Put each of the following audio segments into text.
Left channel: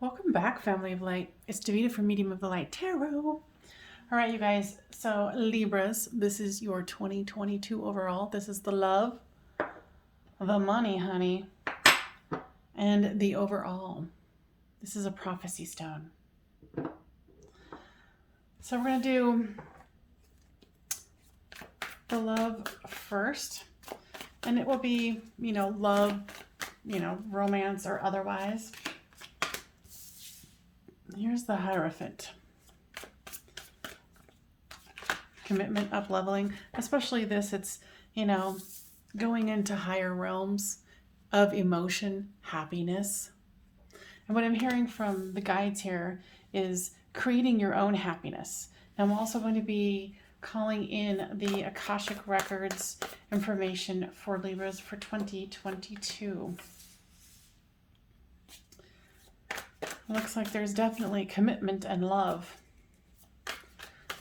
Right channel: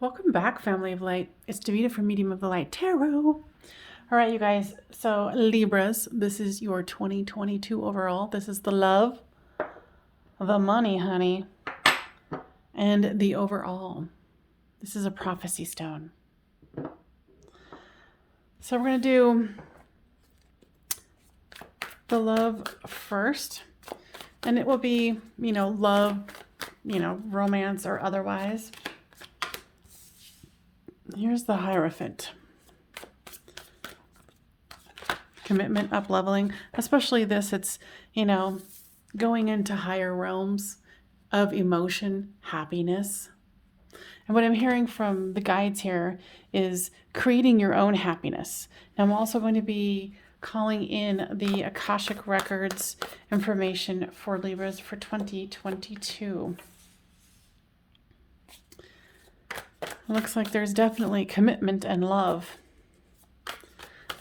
Welcome back, family of light. It's Davina from Medium of the Light Tarot. All right, you guys. So, Libras, this is your 2022 overall. This is the love, the money, honey, and the overall. This is a prophecy stone. So, we're going to do the love first, and it will be, love, romance or otherwise. Here's the Hierophant. Commitment, up leveling, especially this, it's, going into higher realms of emotion, happiness. And what I'm hearing from the guides here is creating your own happiness. And I'm also going to be calling in the Akashic Records information for Libras for 2022. Looks like there's definitely commitment and love.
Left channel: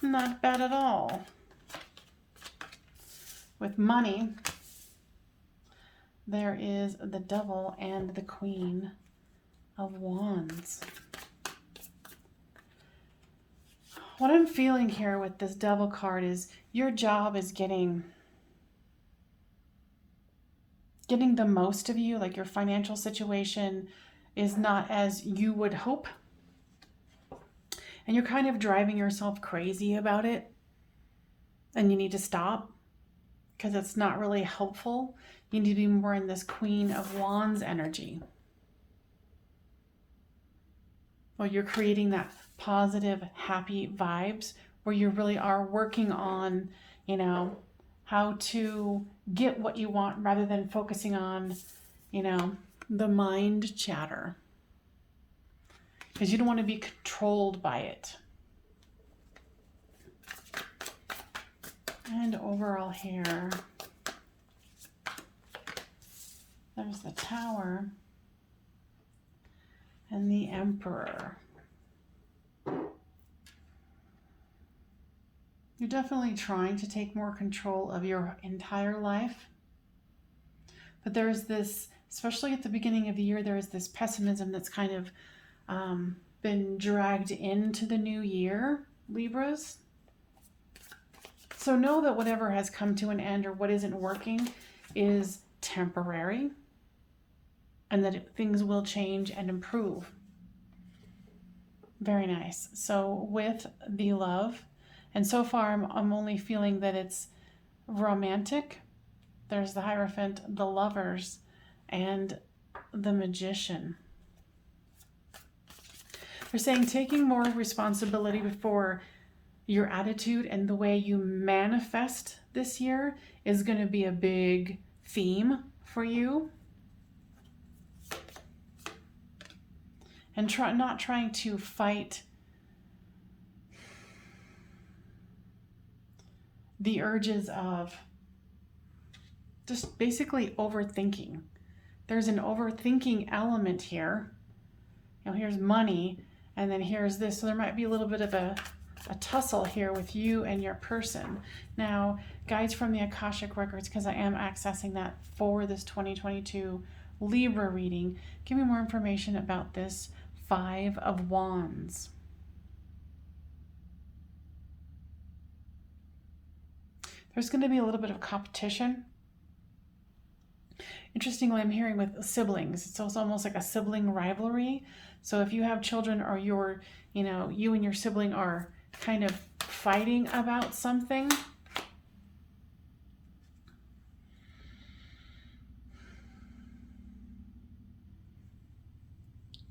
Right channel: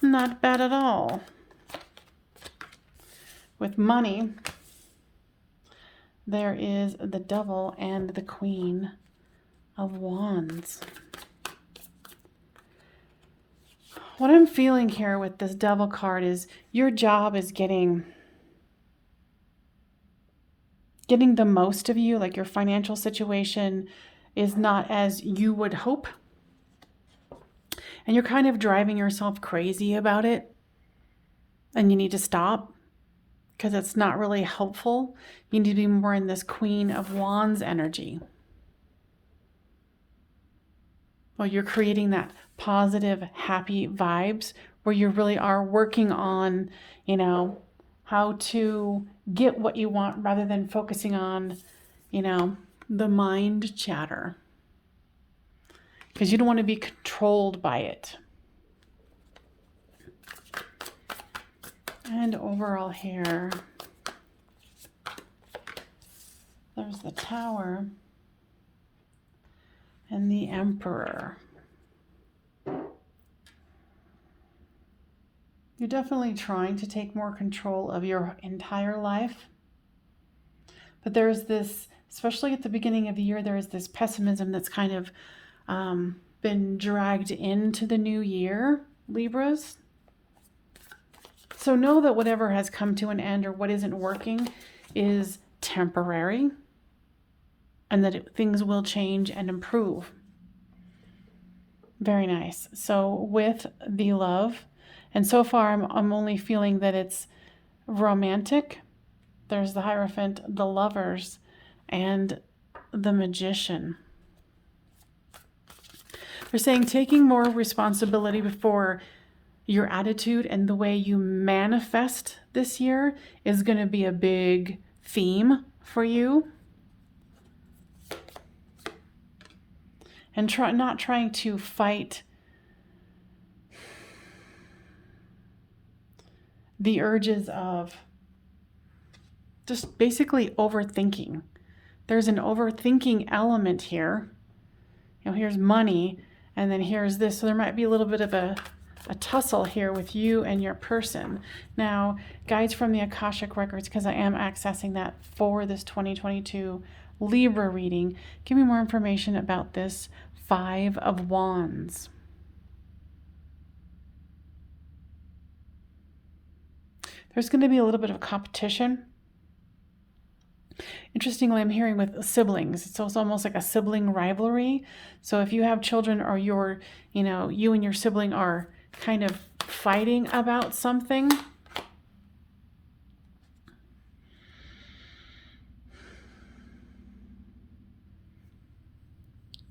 Not bad at all. With money, there is the Devil and the Queen of Wands. What I'm feeling here with this Devil card is your job is getting the most of you, like your financial situation is not as you would hope. And you're kind of driving yourself crazy about it. And you need to stop because it's not really helpful. You need to be more in this Queen of Wands energy. Well, you're creating that positive, happy vibes where you really are working on, how to get what you want rather than focusing on, the mind chatter. Because you don't want to be controlled by it. And overall here, there's the Tower and the Emperor. You're definitely trying to take more control of your entire life. But there's this, especially at the beginning of the year, there is this pessimism that's kind of been dragged into the new year, Libras. So know that whatever has come to an end or what isn't working is temporary and that things will change and improve. Very nice. So with the love, and so far I'm only feeling that it's romantic. There's the Hierophant, the Lovers, and the Magician. They're saying taking more responsibility for your attitude and the way you manifest this year is going to be a big theme for you. And not trying to fight the urges of just basically overthinking. There's an overthinking element here. Here's money, and then here's this. So there might be a little bit of a tussle here with you and your person. Now, guides from the Akashic Records, because I am accessing that for this 2022 Libra reading, give me more information about this Five of Wands. There's going to be a little bit of competition. Interestingly, I'm hearing with siblings, it's almost like a sibling rivalry. So if you have children or you and your sibling are kind of fighting about something,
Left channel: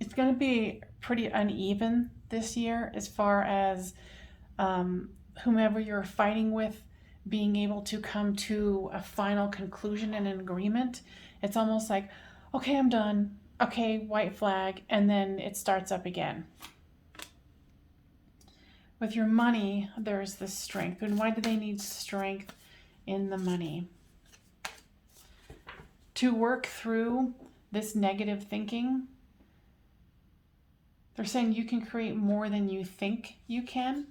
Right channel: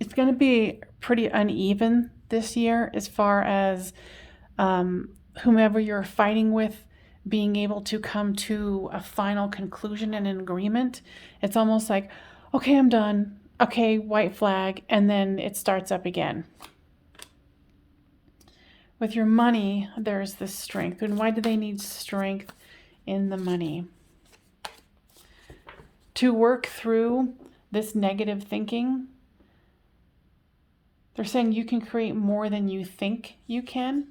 it's going to be pretty uneven this year as far as whomever you're fighting with being able to come to a final conclusion and an agreement. It's almost like, okay, I'm done. Okay, white flag, and then it starts up again. With your money, there's this strength. And why do they need strength in the money? To work through this negative thinking. They're saying you can create more than you think you can.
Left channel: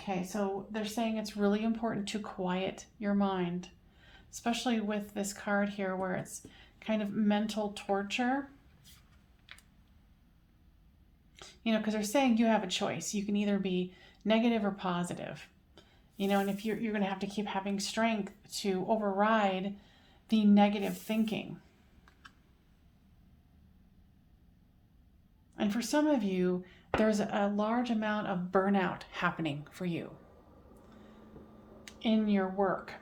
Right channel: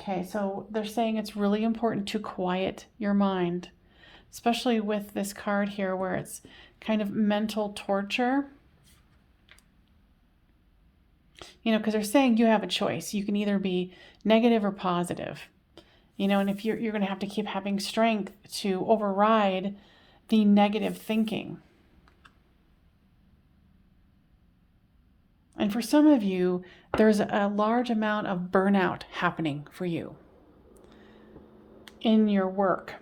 Okay, so they're saying it's really important to quiet your mind. especially with this card here where it's kind of mental torture. You know, because they're saying you have a choice. You can either be negative or positive. You know, and if you're going to have to keep having strength to override the negative thinking. And for some of you, there's a large amount of burnout happening for you in your work.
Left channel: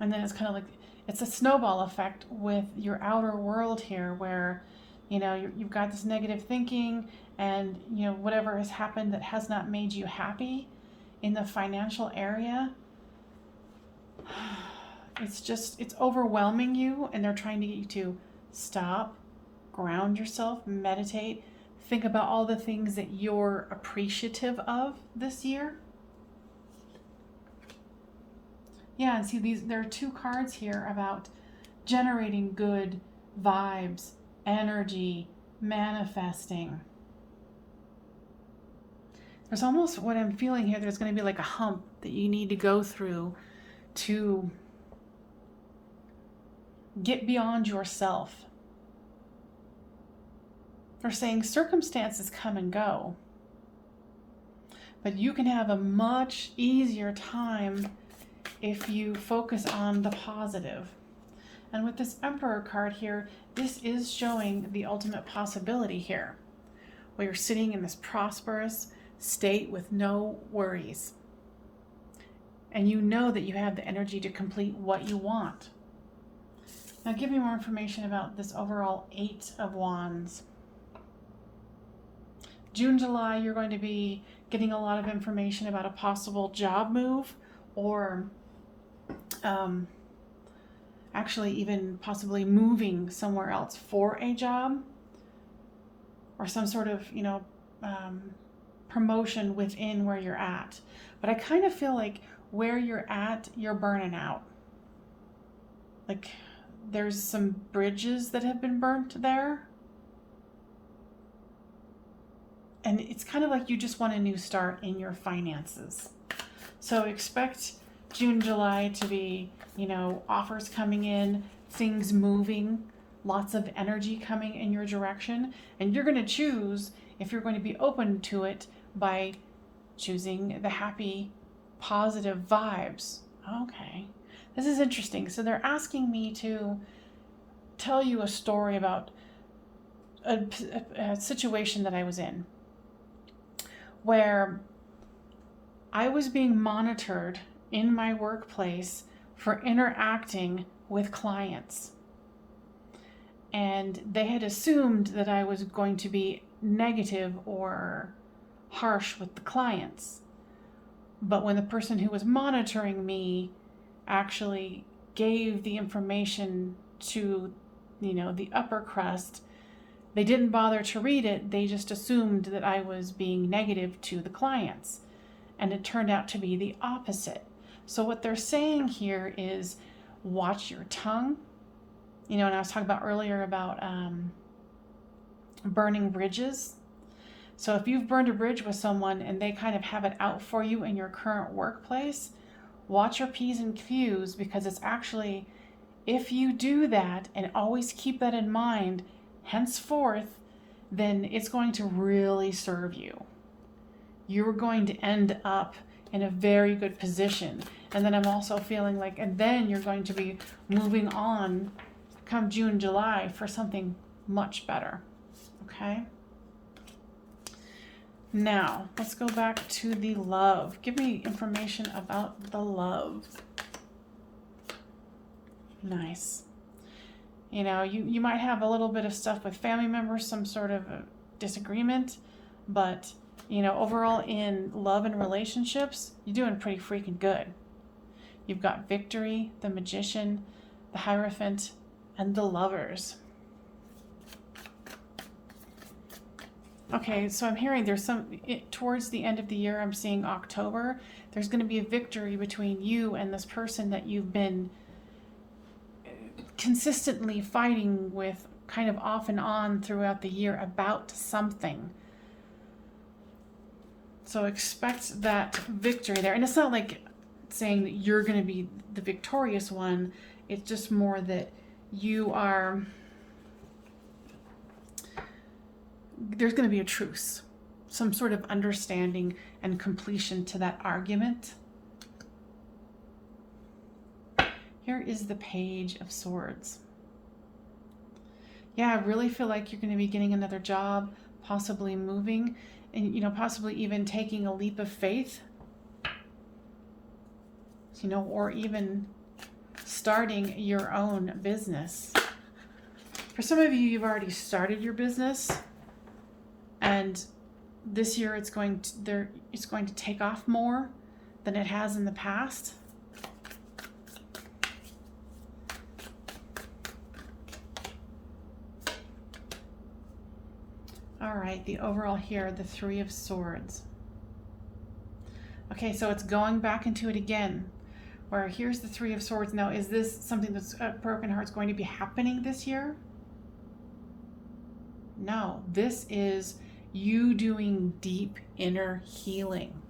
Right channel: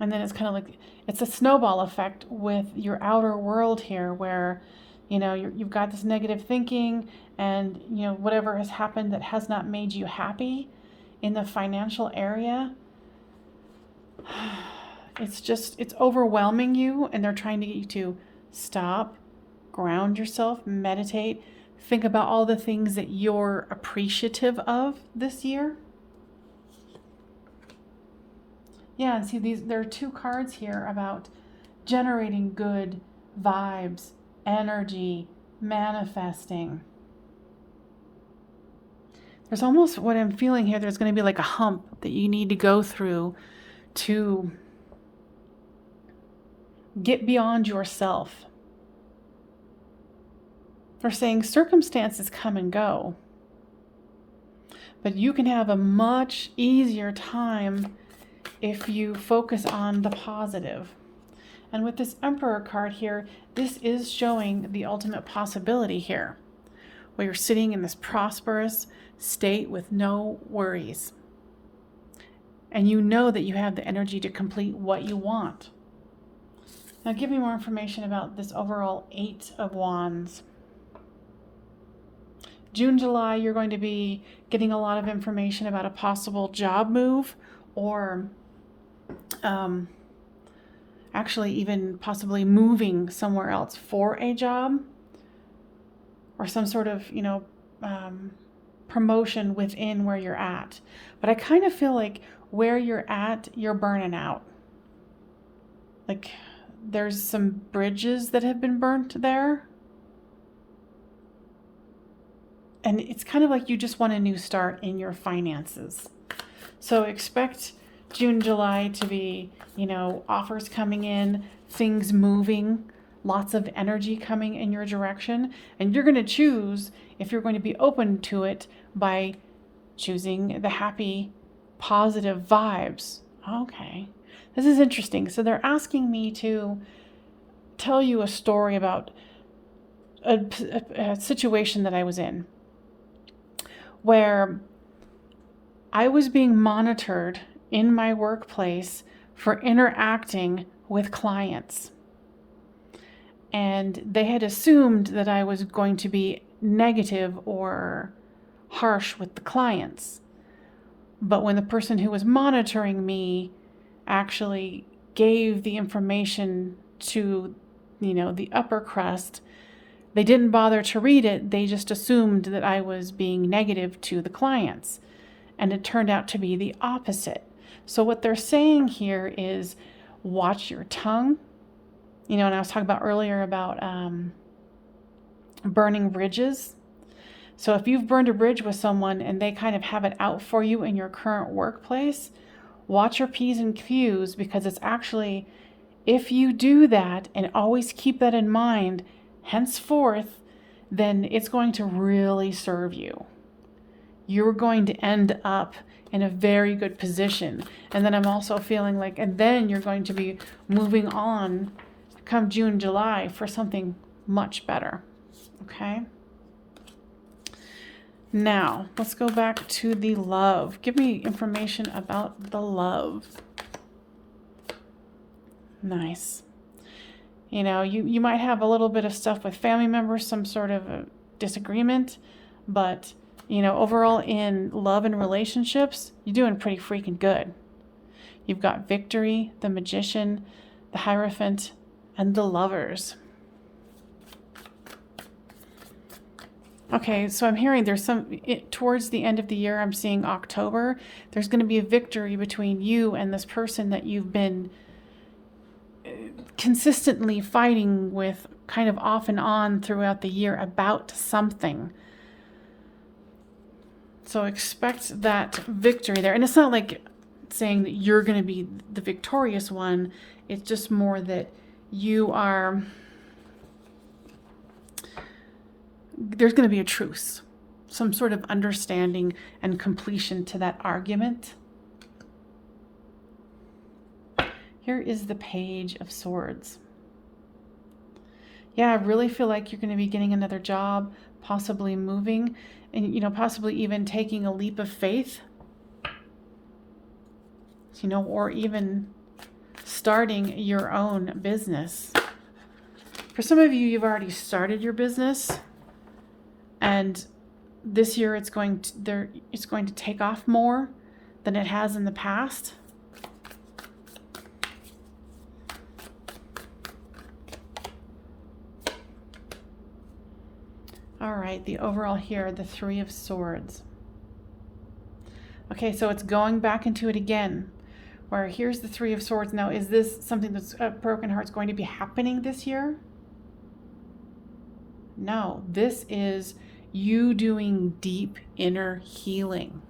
And then it's kind of like, it's a snowball effect with your outer world here where, you know, you've got this negative thinking and, you know, whatever has happened that has not made you happy in the financial area, it's overwhelming you, and they're trying to get you to stop, ground yourself, meditate, think about all the things that you're appreciative of this year. Yeah, and see, there are two cards here about generating good vibes, energy, manifesting. There's almost what I'm feeling here, there's going to be like a hump that you need to go through to get beyond yourself. They're saying circumstances come and go, but you can have a much easier time if you focus on the positive. And with this Emperor card here, this is showing the ultimate possibility here, where you're sitting in this prosperous state with no worries. And you know that you have the energy to complete what you want. Now give me more information about this overall 8 of Wands. June, July, you're going to be getting a lot of information about a possible job move, or actually even possibly moving somewhere else for a job, or some sort of, you know, promotion within where you're at. But I kind of feel like where you're at, you're burning out. Like there's some bridges that have been burnt there. And it's kind of like you just want a new start in your finances. So expect June, July to be, you know, offers coming in, things moving, lots of energy coming in your direction. And you're going to choose if you're going to be open to it by choosing the happy, positive vibes. Okay, this is interesting. So they're asking me to tell you a story about a situation that I was in, where I was being monitored in my workplace for interacting with clients. And they had assumed that I was going to be negative or harsh with the clients. But when the person who was monitoring me actually gave the information to, you know, the upper crust, they didn't bother to read it. They just assumed that I was being negative to the clients. And it turned out to be the opposite. So what they're saying here is watch your tongue. You know, and I was talking about earlier about burning bridges. So if you've burned a bridge with someone and they kind of have it out for you in your current workplace, watch your P's and Q's, because it's actually, if you do that and always keep that in mind, henceforth, then it's going to really serve you. You're going to end up in a very good position. And then I'm also feeling like, and then you're going to be moving on come June, July for something much better. Okay? Now, let's go back to the love. Give me information about the love. Nice. You know, you might have a little bit of stuff with family members, some sort of a disagreement, but, you know, overall in love and relationships, you're doing pretty freaking good. You've got Victory, the Magician, the Hierophant, and the Lovers. Okay, so I'm hearing there's towards the end of the year, I'm seeing October, there's going to be a victory between you and this person that you've been consistently fighting with, kind of off and on throughout the year about something. So expect that victory there. And it's not like saying that you're going to be the victorious one. It's just more that you are, there's going to be a truce, some sort of understanding and completion to that argument. Here is the Page of Swords. Yeah, I really feel like you're going to be getting another job, possibly moving, and, you know, possibly even taking a leap of faith, you know, or even starting your own business. For some of you, you've already started your business, and this year it's going to take off more than it has in the past. All right, the overall here, the Three of Swords. Okay, so it's going back into it again, where here's the Three of Swords. Now, is this something that's broken heart's going to be happening this year? No, this is you doing deep inner healing.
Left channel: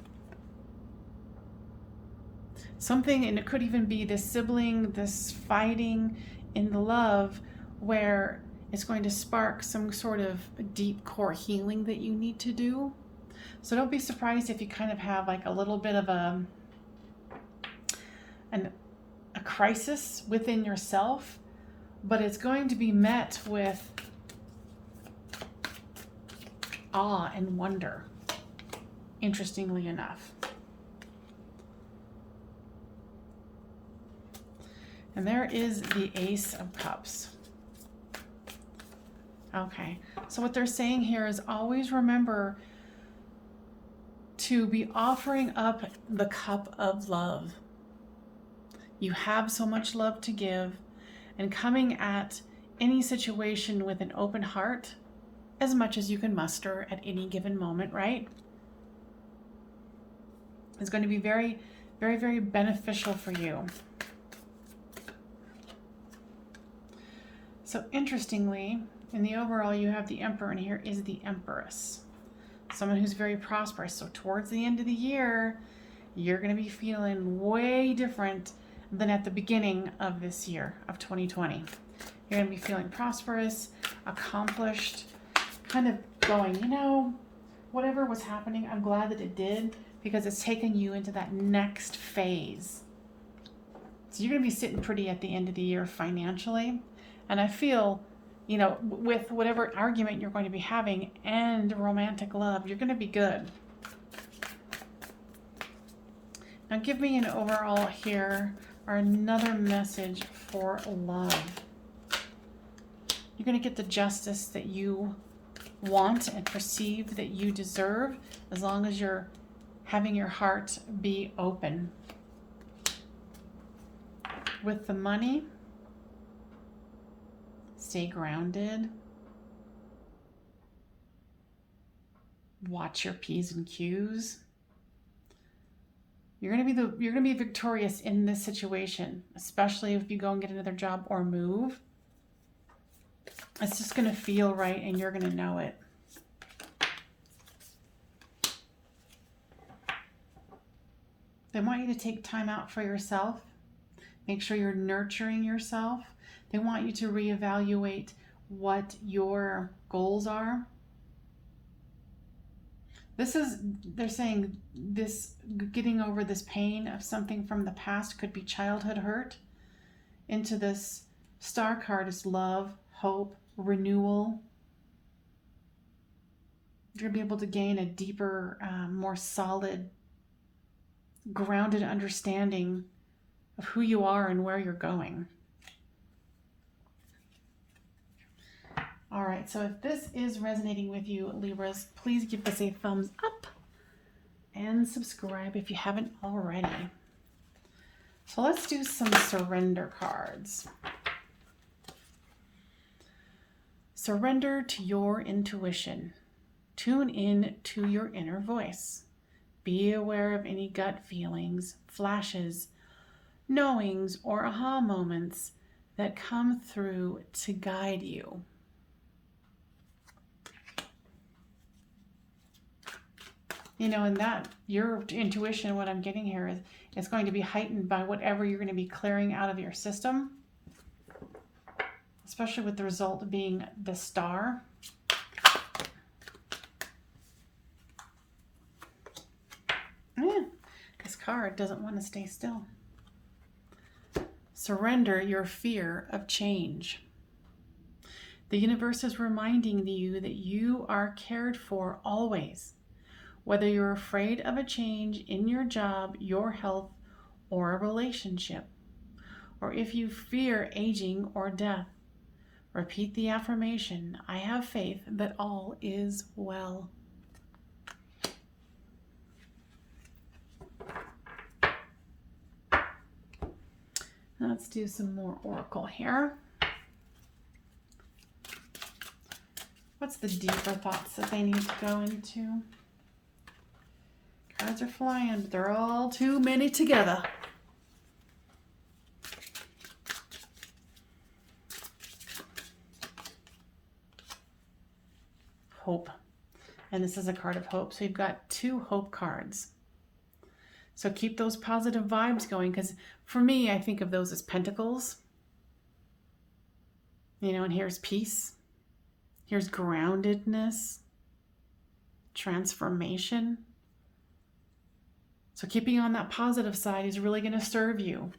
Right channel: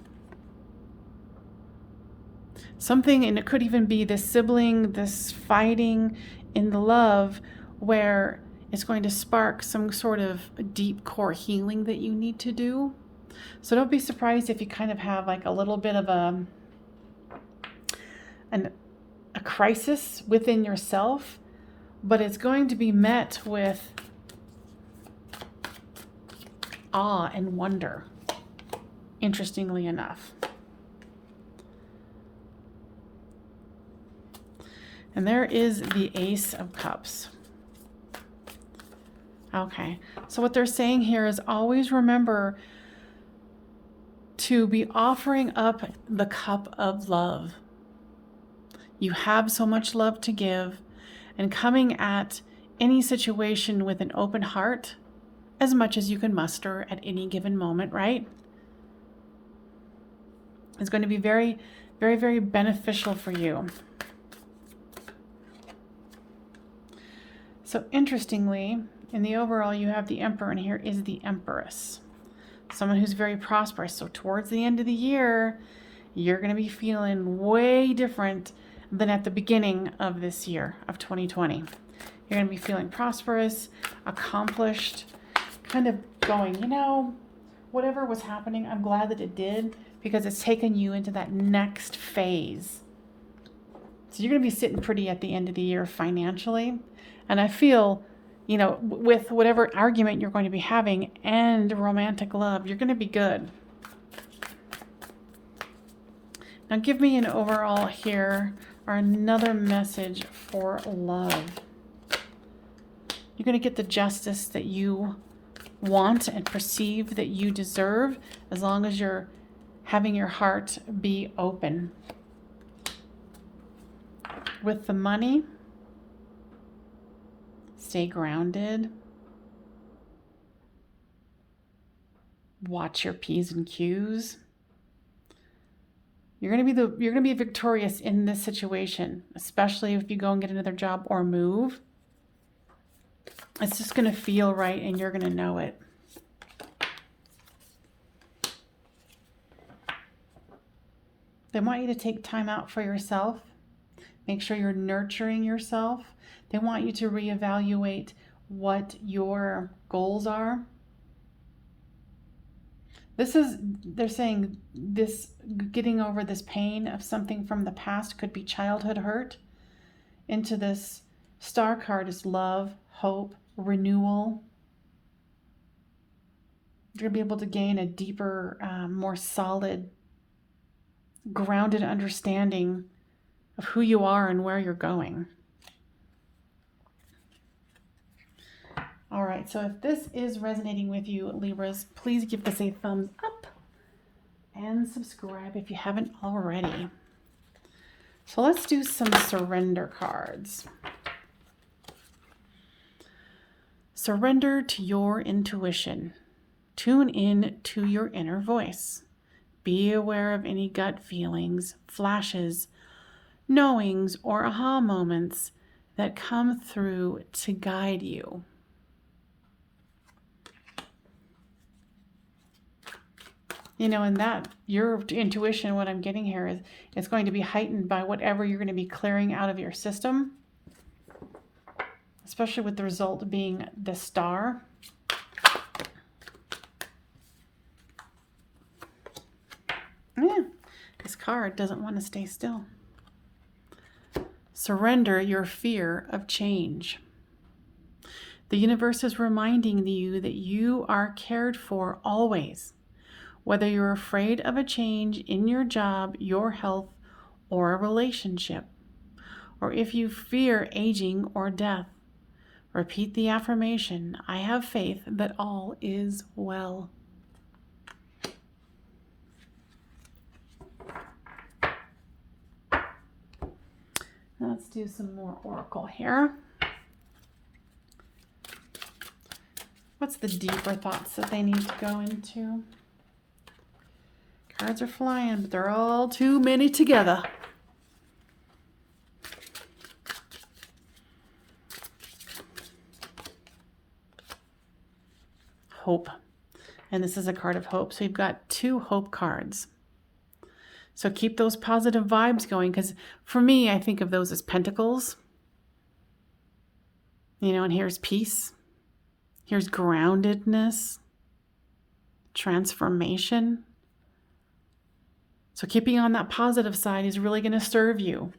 Something, and it could even be this sibling, this fighting in the love, where it's going to spark some sort of deep core healing that you need to do. So don't be surprised if you kind of have like a little bit of a crisis within yourself, but it's going to be met with awe and wonder, interestingly enough. And there is the Ace of Cups. Okay, so what they're saying here is always remember to be offering up the cup of love. You have so much love to give, and coming at any situation with an open heart, as much as you can muster at any given moment, right? It's going to be very, very, very beneficial for you. So interestingly, in the overall, you have the Emperor, and here is the Empress. Someone who's very prosperous. So towards the end of the year, you're going to be feeling way different than at the beginning of this year, of 2020. You're going to be feeling prosperous, accomplished, kind of going, you know, whatever was happening, I'm glad that it did, because it's taken you into that next phase. So you're going to be sitting pretty at the end of the year financially. And I feel, you know, with whatever argument you're going to be having and romantic love, you're going to be good. Now give me an overall here, or another message for love. You're going to get the justice that you want and perceive that you deserve, as long as you're having your heart be open. With the money, stay grounded. Watch your P's and Q's. You're going to be victorious in this situation, especially if you go and get another job or move. It's just going to feel right, and you're going to know it. They want you to take time out for yourself. Make sure you're nurturing yourself. They want you to reevaluate what your goals are. They're saying this, getting over this pain of something from the past, could be childhood hurt. Into this star card is love, hope, renewal. You're going to be able to gain a deeper, more solid, grounded understanding of who you are and where you're going. All right, so if this is resonating with you, Libras, please give this a thumbs up and subscribe if you haven't already. So let's do some surrender cards. Surrender to your intuition. Tune in to your inner voice. Be aware of any gut feelings, flashes, knowings, or aha moments that come through to guide you. And that your intuition, what I'm getting here is it's going to be heightened by whatever you're going to be clearing out of your system, especially with the result being the Star. This card doesn't want to stay still. Surrender your fear of change. The universe is reminding you that you are cared for always, whether you're afraid of a change in your job, your health, or a relationship, or if you fear aging or death. Repeat the affirmation, I have faith that all is well. Let's do some more oracle here. What's the deeper thoughts that they need to go into? Cards are flying, but they're all too many together. Hope. And this is a card of hope. So you've got 2 hope cards. So keep those positive vibes going, because for me, I think of those as pentacles. And here's peace. Here's groundedness, transformation. So keeping on that positive side is really going to serve you.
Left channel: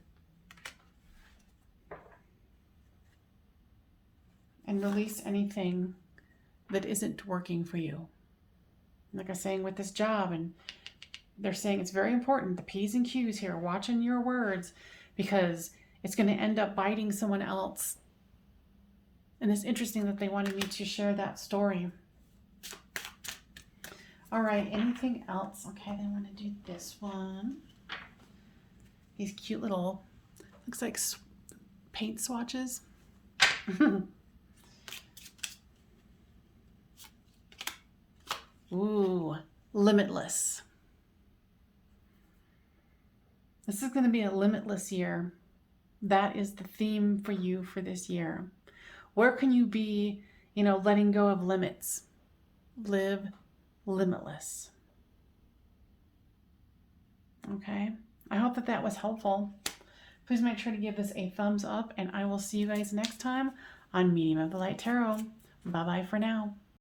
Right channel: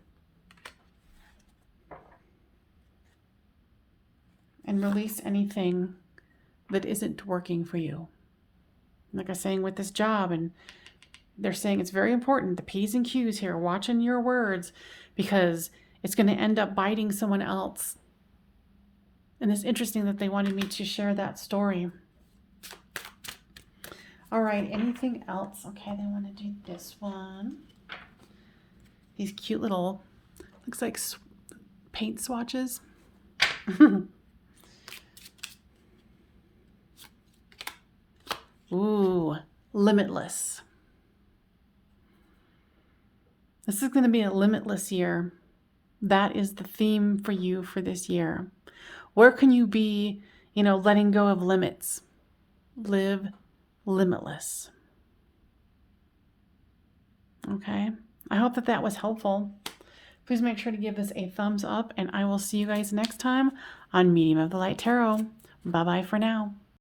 And release anything that isn't working for you. Like I was saying with this job, and they're saying it's very important, the P's and Q's here, watching your words, because it's going to end up biting someone else. And it's interesting that they wanted me to share that story. All right, anything else? Okay, they want to do this one. These cute little, looks like paint swatches. Ooh, limitless. This is going to be a limitless year. That is the theme for you for this year. Where can you be, letting go of limits? Live limitless. Okay. I hope that was helpful. Please make sure to give this a thumbs up, and I will see you guys next time on Medium of the Light Tarot. Bye-bye for now.